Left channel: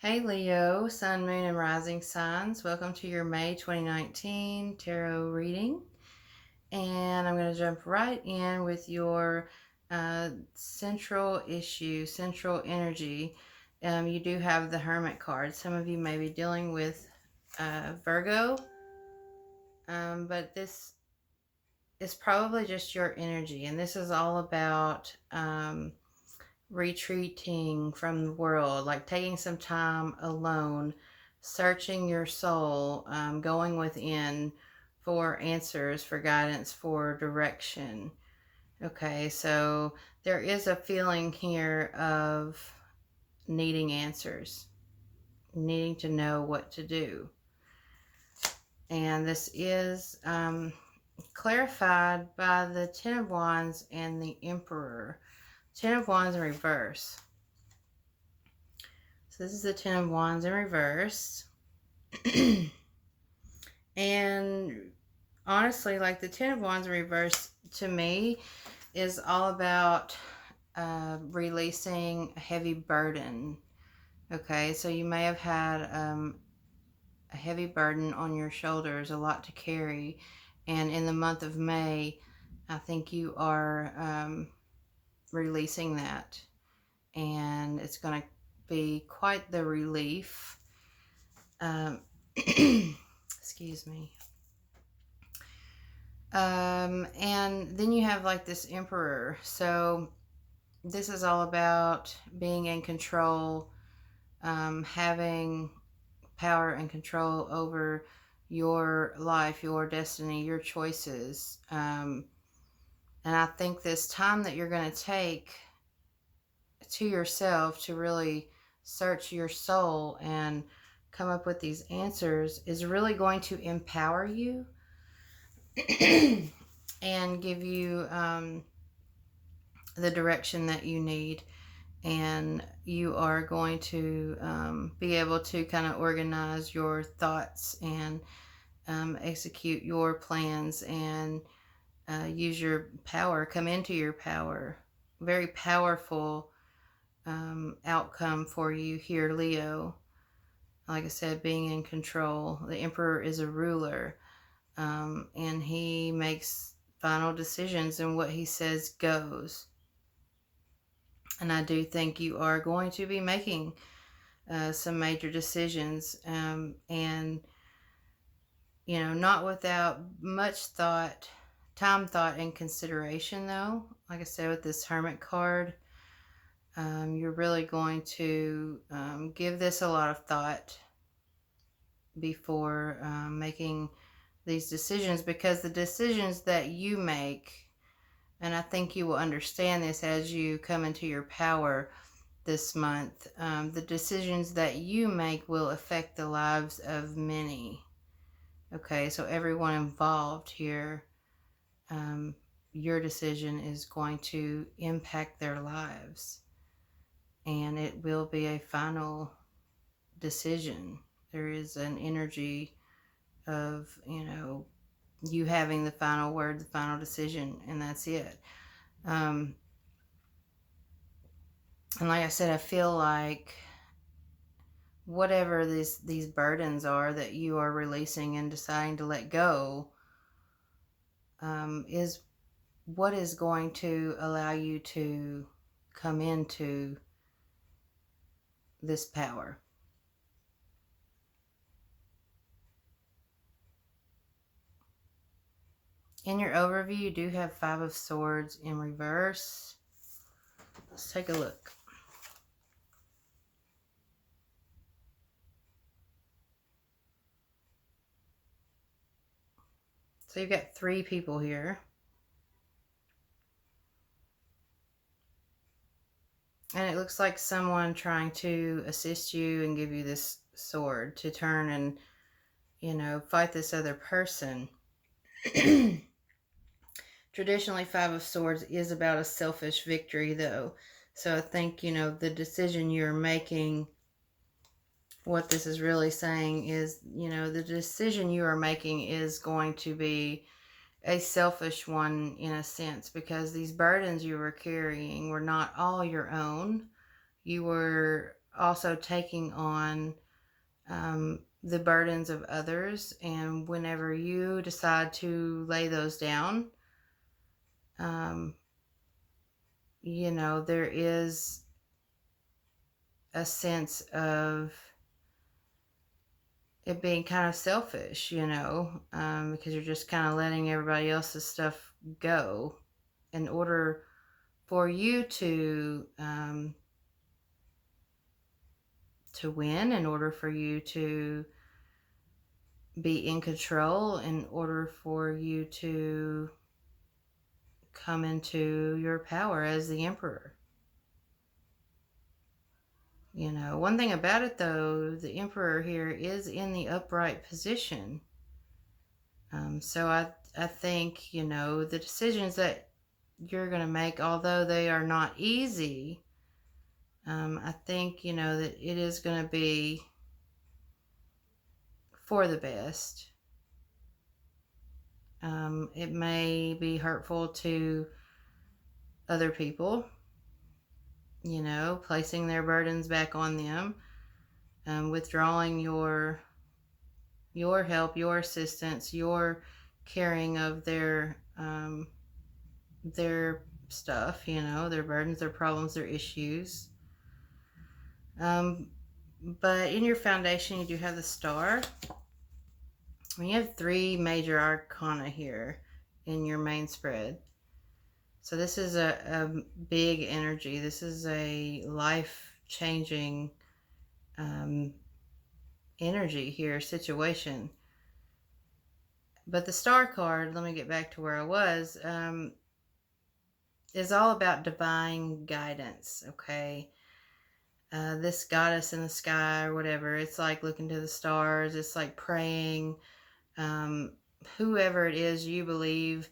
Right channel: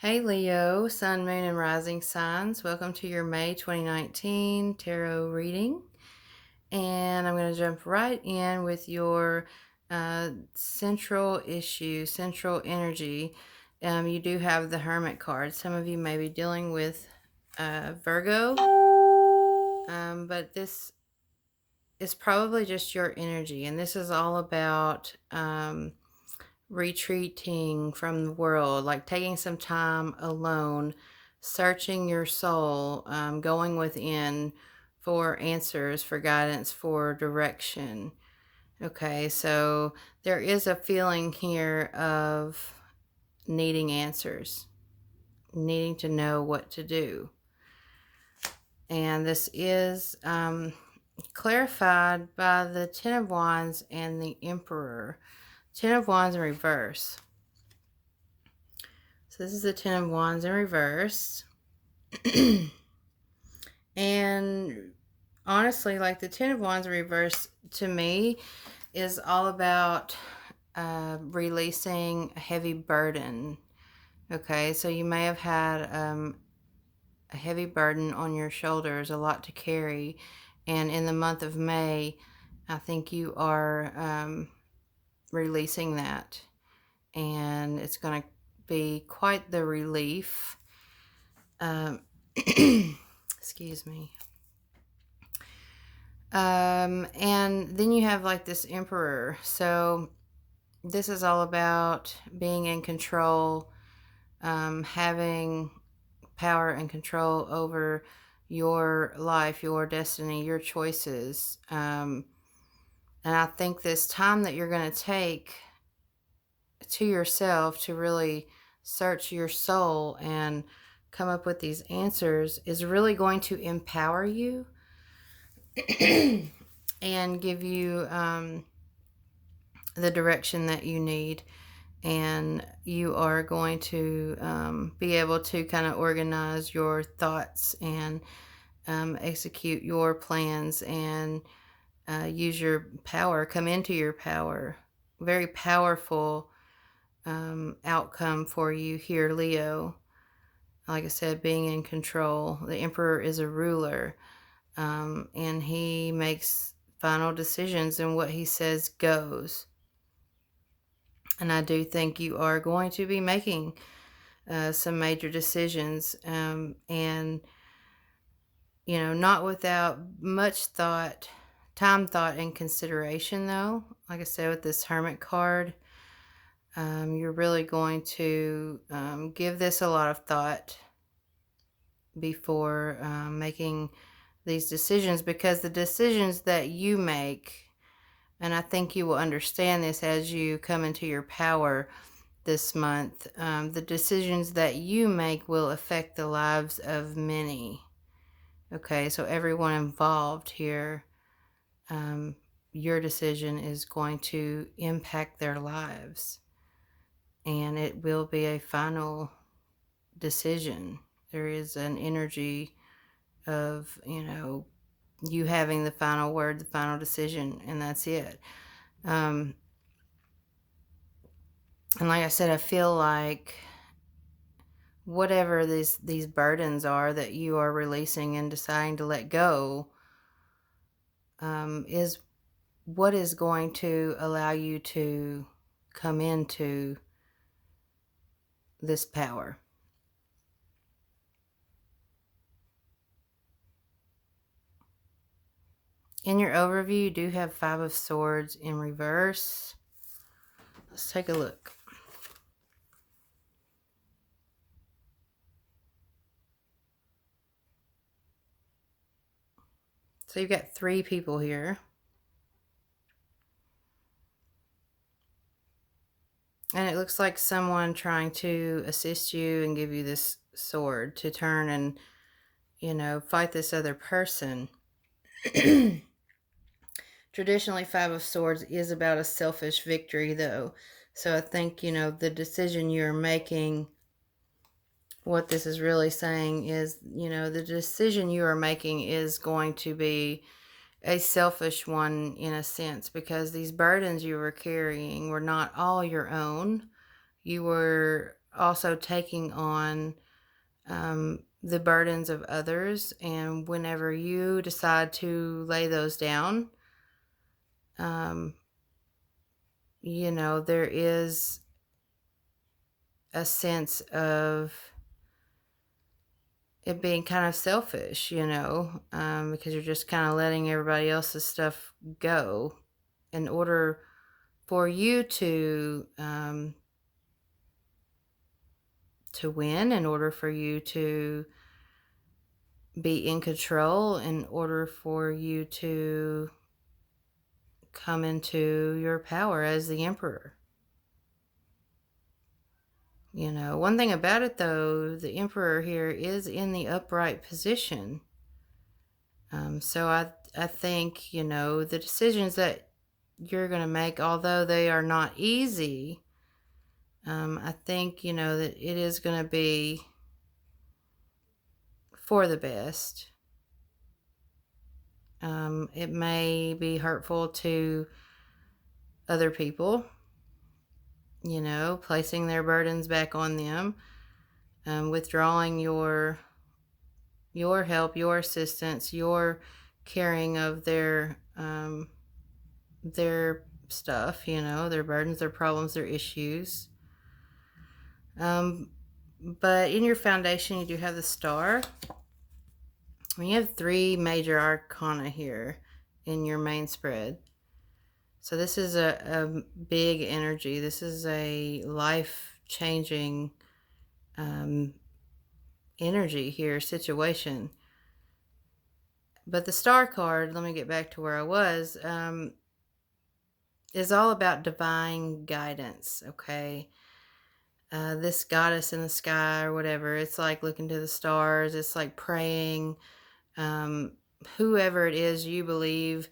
Hey Leo, Sun, Moon, and Rising Signs. Welcome to your May 2019 tarot reading. And I'm going to jump right in with your central issue, central energy. You do have the Hermit card. Some of you may be dealing with Virgo, but this is probably just your energy. And this is all about retreating from the world, like taking some time alone, searching your soul, going within for answers, for guidance, for direction. Okay, so there is a feeling here of needing answers, needing to know what to do. And this is clarified by the Ten of Wands and the Emperor. Ten of Wands in reverse. So this is the Ten of Wands in reverse. And honestly, like the Ten of Wands in reverse to me is all about releasing a heavy burden. Okay, so you may have had a heavy burden on your shoulders, a lot to carry. And in the month of May, I think you are releasing that. And it's going to be quite the relief. Excuse me. And then you have like this Emperor. So this is all about being in control, having power and control over your life, your destiny, your choices. And I think this time that you're going to take to yourself to really search your soul and come up with these answers is really going to empower you and give you the direction that you need. And you are going to be able to kind of organize your thoughts and execute your plans and use your power, come into your power. Very powerful outcome for you here, Leo. Like I said, being in control. The Emperor is a ruler, and he makes final decisions, and what he says goes. And I do think you are going to be making some major decisions, and not without much thought, time, thought, and consideration. Though, like I said, with this Hermit card, you're really going to give this a lot of thought before making these decisions, because the decisions that you make, and I think you will understand this as you come into your power this month, the decisions that you make will affect the lives of many. Okay, so everyone involved here, your decision is going to impact their lives, and it will be a final decision. There is an energy of, you having the final word, the final decision, and that's it. And like I said, I feel like whatever these burdens are that you are releasing and deciding to let go, is what is going to allow you to come into this power. In your overview, you do have Five of Swords in reverse. Let's take a look. So you've got three people here. And it looks like someone trying to assist you and give you this sword to turn and, fight this other person. Traditionally, Five of Swords is about a selfish victory, though. So I think, the decision you're making, what this is really saying is, the decision you are making is going to be a selfish one in a sense, because these burdens you were carrying were not all your own. You were also taking on the burdens of others. And whenever you decide to lay those down, um, there is a sense of it being kind of selfish, because you're just kind of letting everybody else's stuff go in order for you to win, in order for you to be in control, in order for you to come into your power as the emperor. One thing about it though, the emperor here is in the upright position. So I think, the decisions that you're going to make, although they are not easy, I think, that it is going to be for the best. It may be hurtful to other people, placing their burdens back on them, withdrawing your help, your assistance, your caring of their stuff, their burdens, their problems, their issues. But in your foundation, you do have the star. And you have 3 major arcana here in your main spread. So this is a big energy. This is a life-changing energy here, situation. But the star card, let me get back to where I was, is all about divine guidance, okay? This goddess in the sky or whatever, it's like looking to the stars, it's like praying. Whoever it is you believe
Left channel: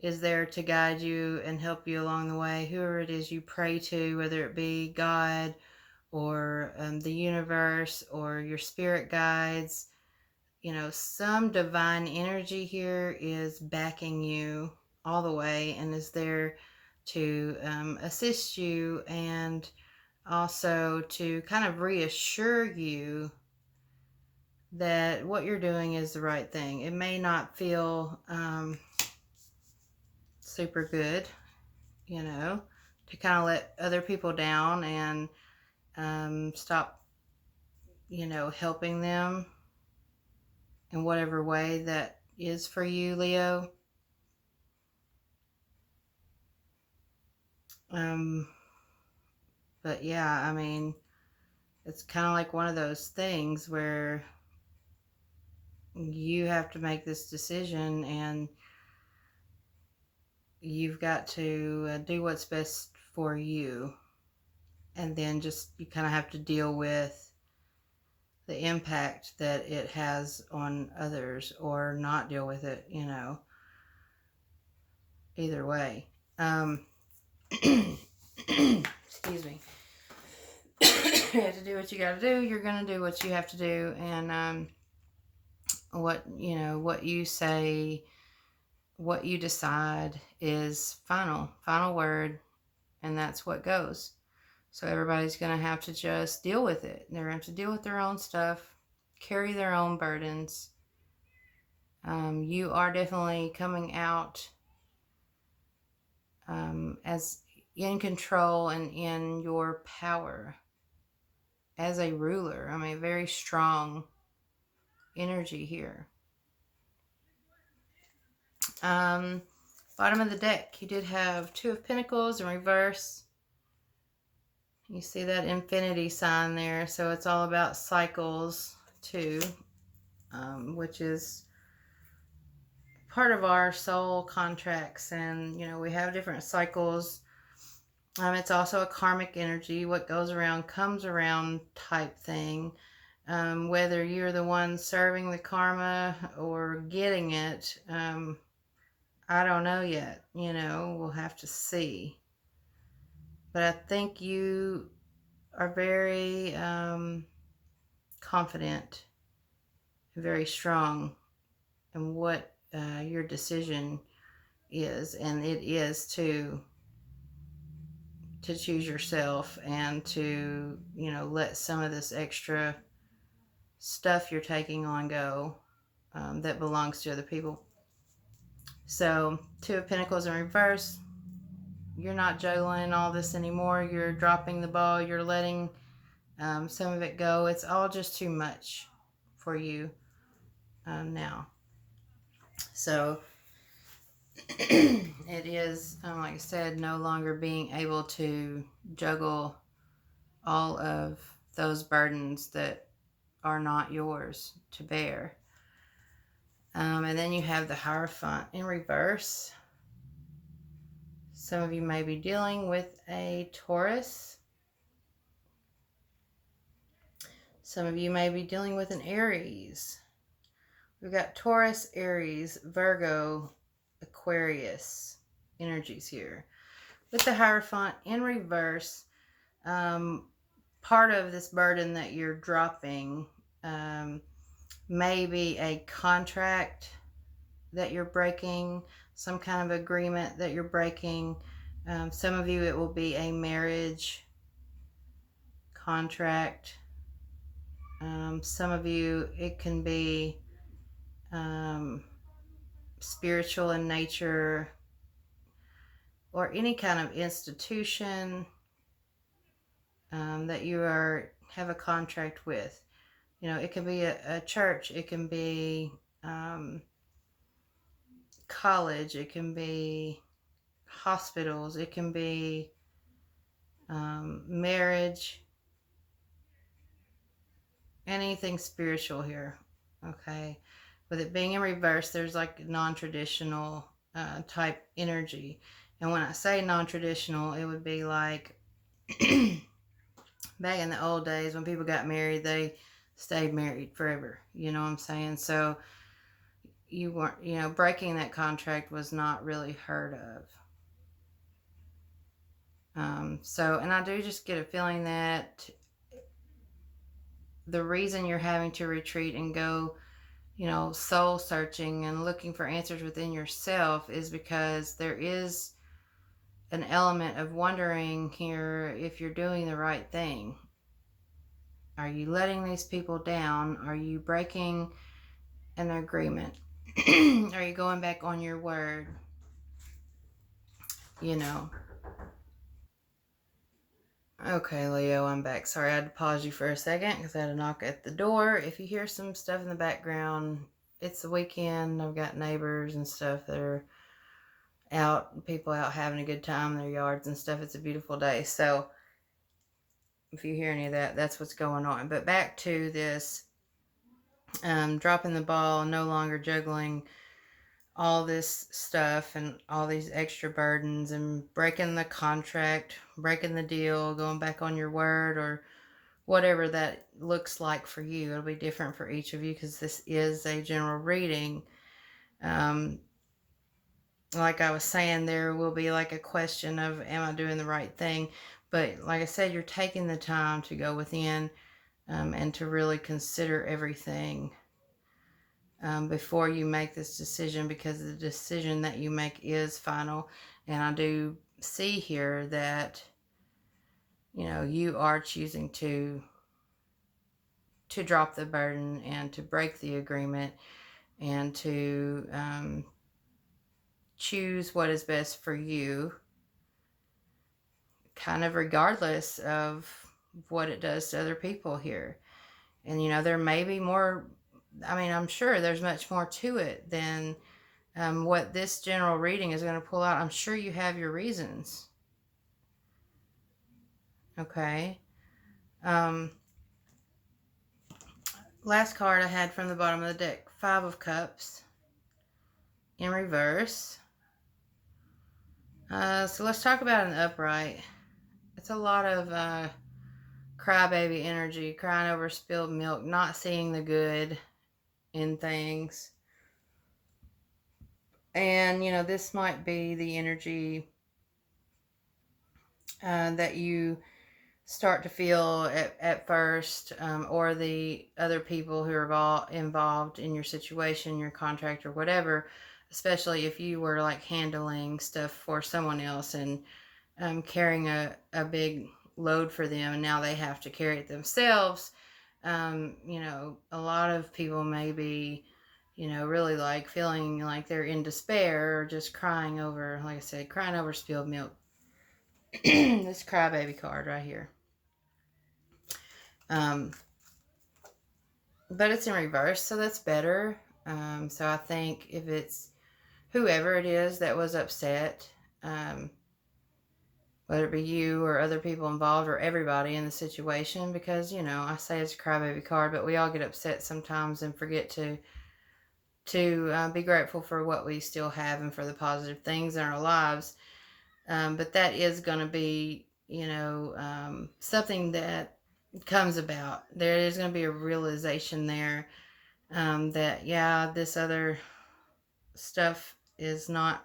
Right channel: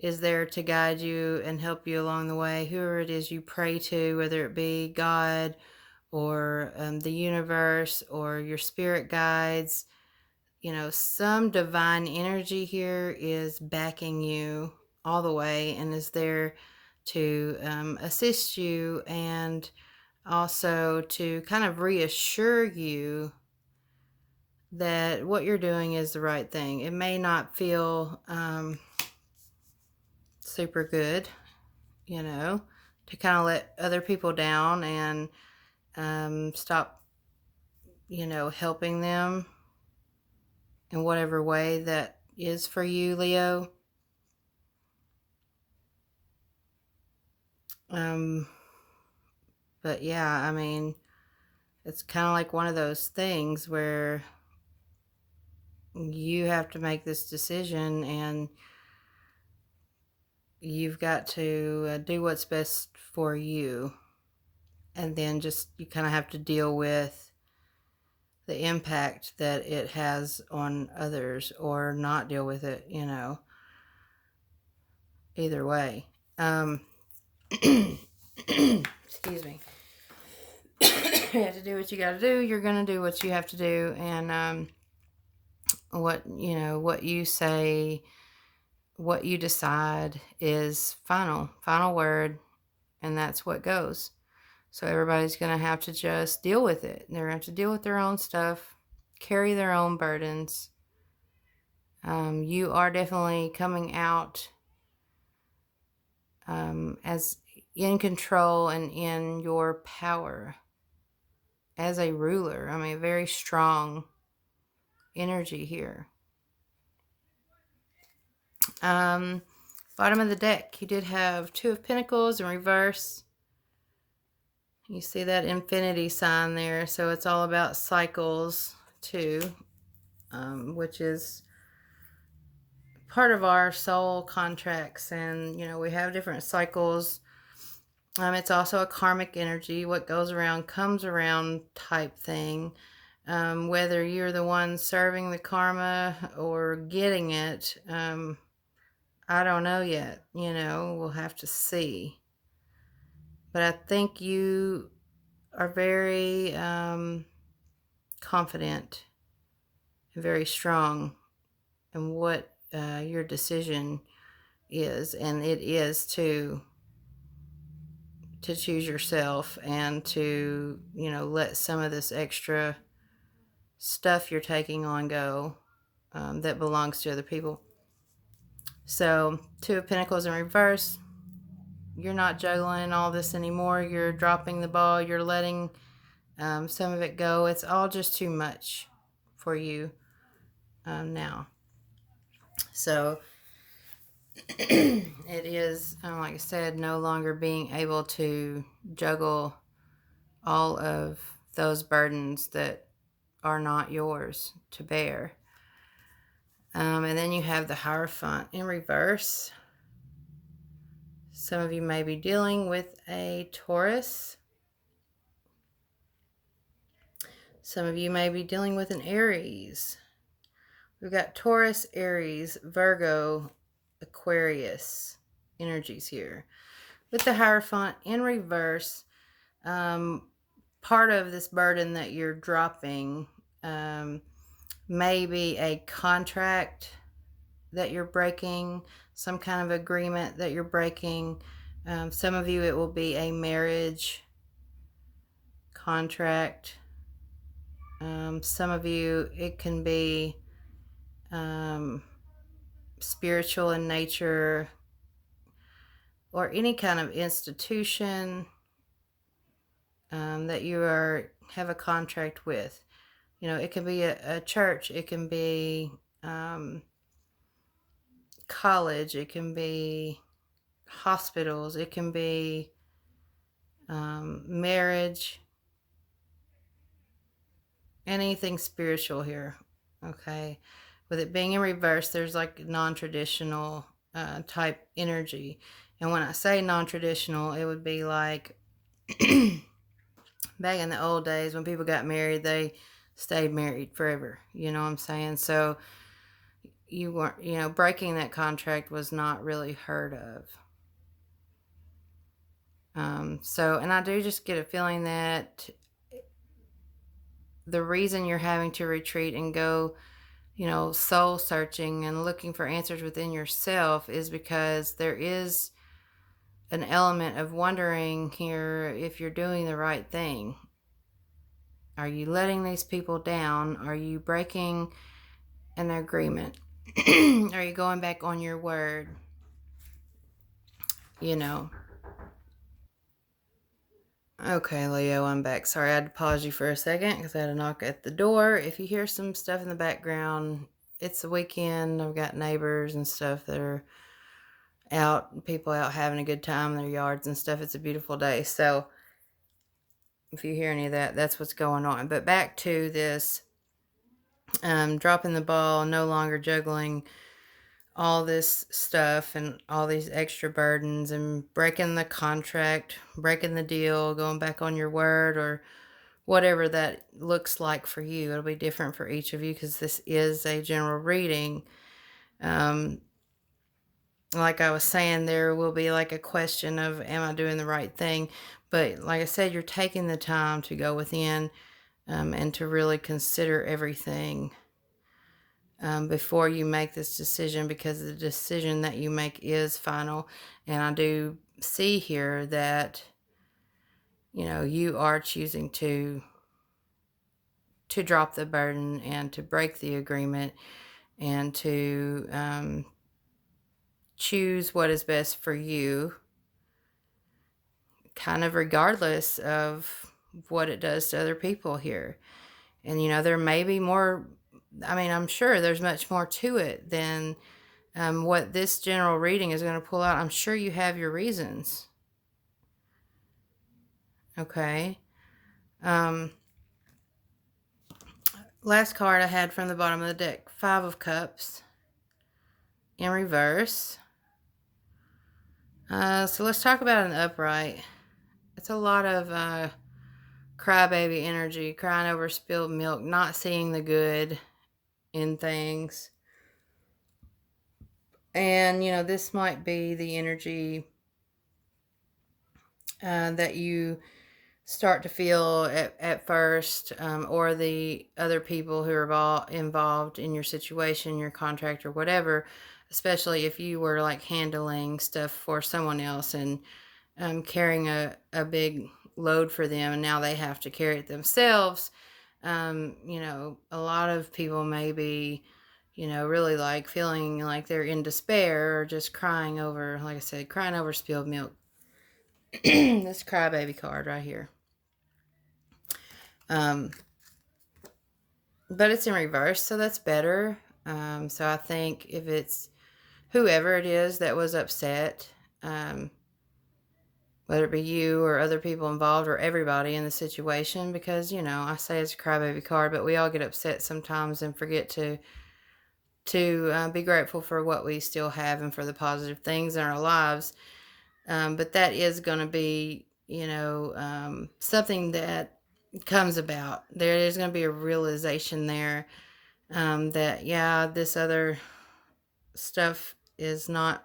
is there to guide you and help you along the way, whoever it is you pray to, whether it be God or the universe or your spirit guides, some divine energy here is backing you all the way and is there to assist you, and also to kind of reassure you that what you're doing is the right thing. It may not feel super good, to kind of let other people down and stop, helping them in whatever way that is for you, Leo. But yeah, I mean, it's kind of like one of those things where you have to make this decision and you've got to do what's best for you. And then just you kind of have to deal with the impact that it has on others, or not deal with it, either way. Excuse me. You have to do what you got to do. You're going to do what you have to do. And what you say, what you decide is final word, and that's what goes. So everybody's going to have to just deal with it. They're going to have to deal with their own stuff, carry their own burdens. You are definitely coming out as in control and in your power as a ruler. I mean, very strong energy here. Bottom of the deck, you did have 2 of Pentacles in reverse. You see that infinity sign there, so it's all about cycles too, which is part of our soul contracts. And we have different cycles. It's also a karmic energy, what goes around comes around type thing. Whether you're the one serving the karma or getting it, I don't know yet. We'll have to see. But I think you are very confident and very strong in what your decision is, and it is to to choose yourself and to, let some of this extra stuff you're taking on go, that belongs to other people. So, Two of Pentacles in reverse. You're not juggling all this anymore. You're dropping the ball. You're letting some of it go. It's all just too much for you now. So, it is, like I said, no longer being able to juggle all of those burdens that are not yours to bear. And then you have the Hierophant in reverse. Some of you may be dealing with a Taurus. Some of you may be dealing with an Aries. We've got Taurus, Aries, Virgo, Aquarius energies here. With the Hierophant in reverse, part of this burden that you're dropping may be a contract that you're breaking, some kind of agreement that you're breaking. Some of you, it will be a marriage contract. Some of you, it can be spiritual in nature, or any kind of institution that you have a contract with. It can be a church, it can be college, it can be hospitals, it can be marriage, anything spiritual here. Okay, with it being in reverse, there's like non-traditional type energy. And when I say non-traditional, it would be like back in the old days when people got married, they stayed married forever. You know what I'm saying? So you weren't, breaking that contract was not really heard of. And I do just get a feeling that the reason you're having to retreat and go, soul searching and looking for answers within yourself is because there is an element of wondering here if you're doing the right thing. Are you letting these people down? Are you breaking an agreement? Are you going back on your word? Okay, Leo, I'm back. Sorry, I had to pause you for a second because I had a knock at the door. If you hear some stuff in the background, it's the weekend. I've got neighbors and stuff that are out, people out having a good time in their yards and stuff. It's a beautiful day. So if you hear any of that, that's what's going on. But back to this dropping the ball, no longer juggling all this stuff and all these extra burdens and breaking the contract, breaking the deal, going back on your word, or whatever that looks like for you. It'll be different for each of you because this is a general reading. Like I was saying, there will be like a question of, am I doing the right thing? But like I said, you're taking the time to go within and to really consider everything before you make this decision, because the decision that you make is final. And I do see here that, you are choosing to drop the burden and to break the agreement and to choose what is best for you, kind of regardless of what it does to other people here. And, there may be more, I'm sure there's much more to it than what this general reading is going to pull out. I'm sure you have your reasons. Okay. Last card I had from the bottom of the deck, Five of Cups in reverse. So let's talk about an upright. It's a lot of crybaby energy, crying over spilled milk, not seeing the good in things. And, this might be the energy that you start to feel at first, or the other people who are involved in your situation, your contract or whatever, especially if you were like handling stuff for someone else and carrying a big load for them, and now they have to carry it themselves. You know, a lot of people may be, you know, really like feeling like they're in despair or just crying over, like I said, crying over spilled milk. This crybaby card right here. Um, but it's in reverse, so that's better. So I think if it's whoever it is that was upset, um, whether it be you or other people involved or everybody in the situation, because, you know, I say it's a crybaby card, but we all get upset sometimes and forget to be grateful for what we still have and for the positive things in our lives. But that is going to be, you know, something that comes about. There is going to be a realization there, that, yeah, this other stuff is not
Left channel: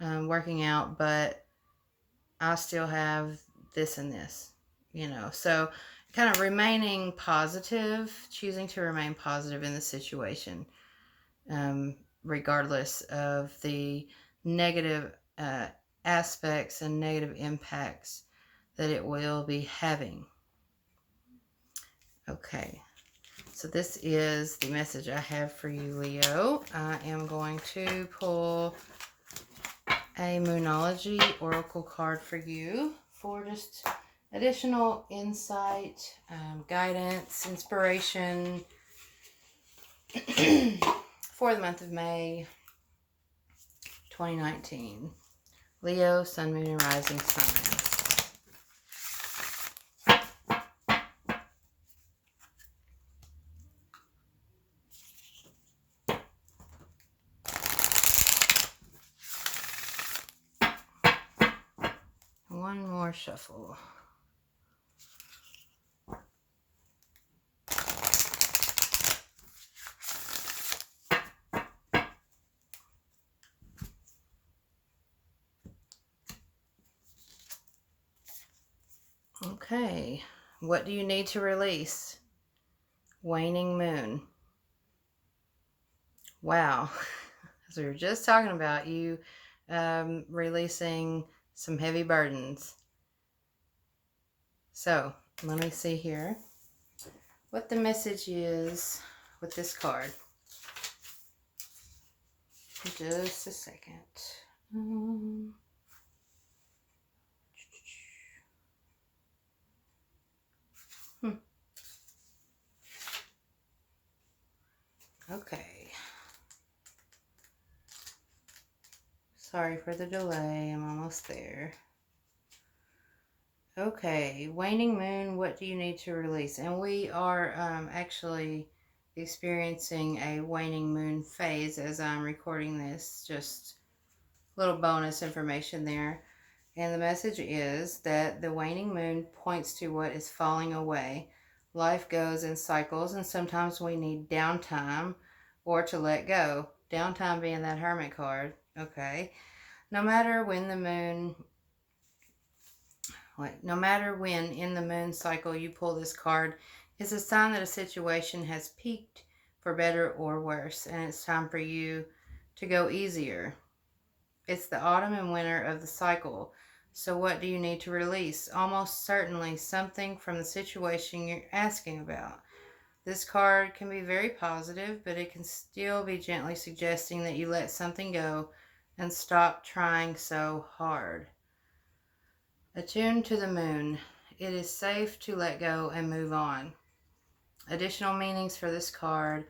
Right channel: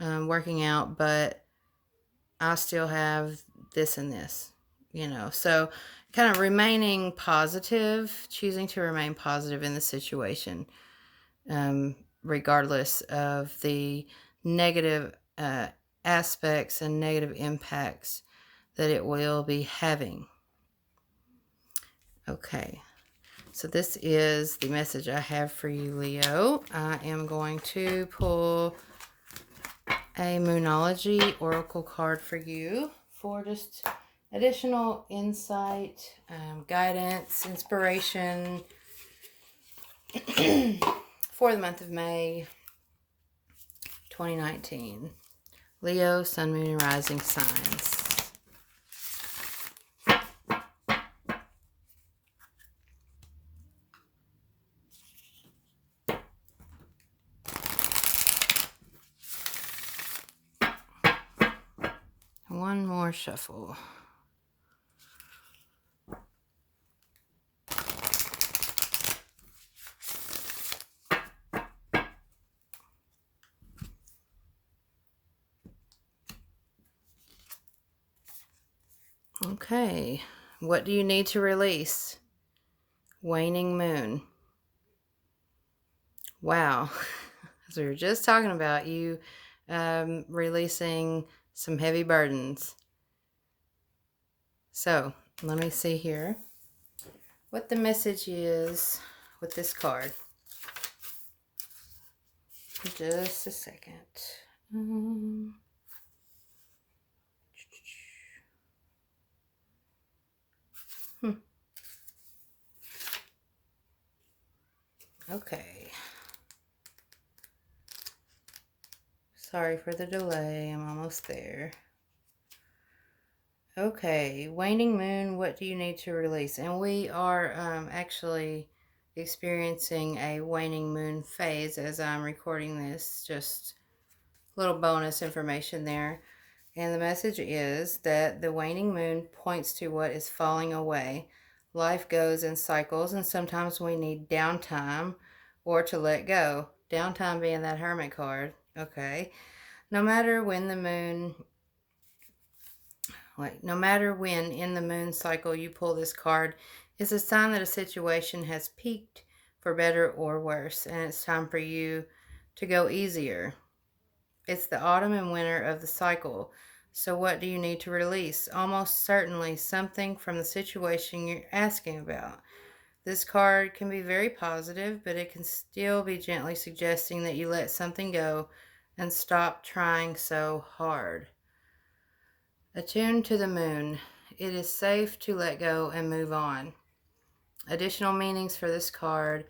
working out, but I still have this and this, you know. So, kind of remaining positive, choosing to remain positive in the situation, regardless of the negative aspects and negative impacts that it will be having. Okay, so this is the message I have for you, Leo. I am going to pull a Moonology Oracle card for you for just additional insight, guidance, inspiration for the month of May 2019. Leo, Sun, Moon, and Rising signs. One more shuffle. Okay, what do you need to release? Waning moon. Wow, as we were just talking about, you releasing some heavy burdens. So, let me see here what the message is with this card. Just a second. Okay. Sorry for the delay. I'm almost there. Okay, waning moon, what do you need to release? And we are actually experiencing a waning moon phase as I'm recording this. Just a little bonus information there. And the message is that the waning moon points to what is falling away. Life goes in cycles, and sometimes we need downtime or to let go. Downtime being that Hermit card. Okay. No matter when in the moon cycle you pull this card, it's a sign that a situation has peaked for better or worse, and it's time for you to go easier. It's the autumn and winter of the cycle. So what do you need to release? Almost certainly something from the situation you're asking about. This card can be very positive, but it can still be gently suggesting that you let something go and stop trying so hard. Attuned to the moon. It is safe to let go and move on. Additional meanings for this card.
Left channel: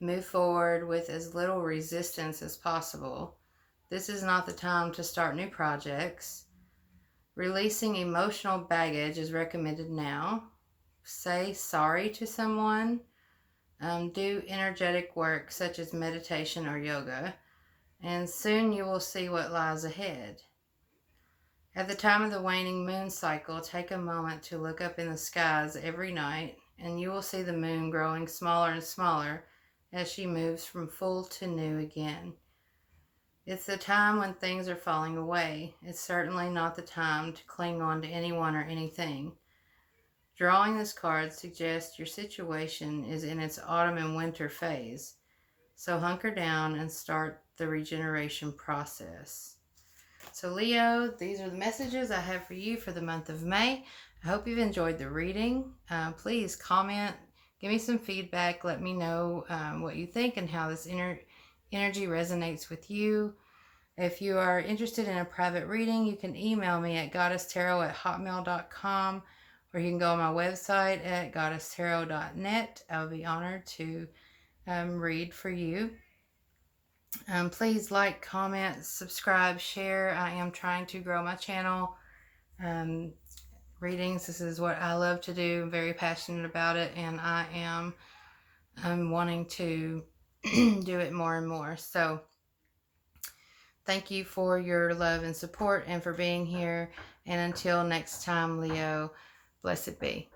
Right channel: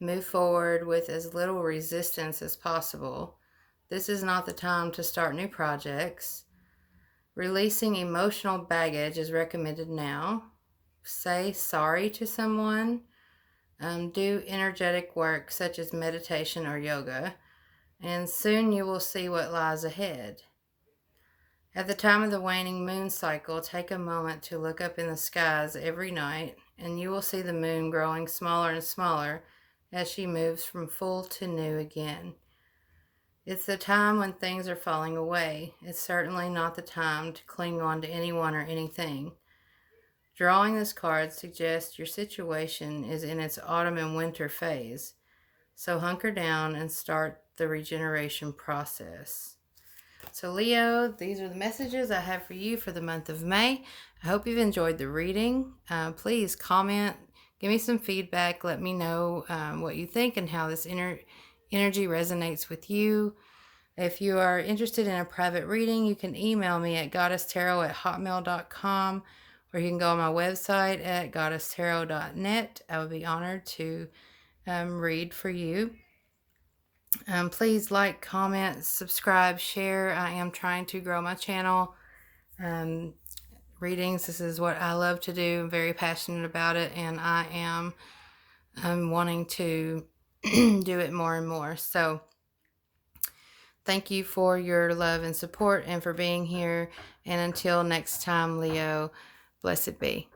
Move forward with as little resistance as possible. This is not the time to start new projects. Releasing emotional baggage is recommended now. Say sorry to someone. Do energetic work such as meditation or yoga. And soon you will see what lies ahead. At the time of the waning moon cycle, take a moment to look up in the skies every night, and you will see the moon growing smaller and smaller as she moves from full to new again. It's the time when things are falling away. It's certainly not the time to cling on to anyone or anything. Drawing this card suggests your situation is in its autumn and winter phase, so hunker down and start the regeneration process. So, Leo, these are the messages I have for you for the month of May. I hope you've enjoyed the reading. Please comment, give me some feedback, let me know what you think and how this energy resonates with you. If you are interested in a private reading, you can email me at goddesstarot@hotmail.com, or you can go on my website at goddesstarot.net. I would be honored to read for you. Please like, comment, subscribe, share. I am trying to grow my channel. Readings, this is what I love to do. I'm very passionate about it, and I am wanting to do it more and more. So thank you for your love and support and for being here. And until next time, Leo, blessed be.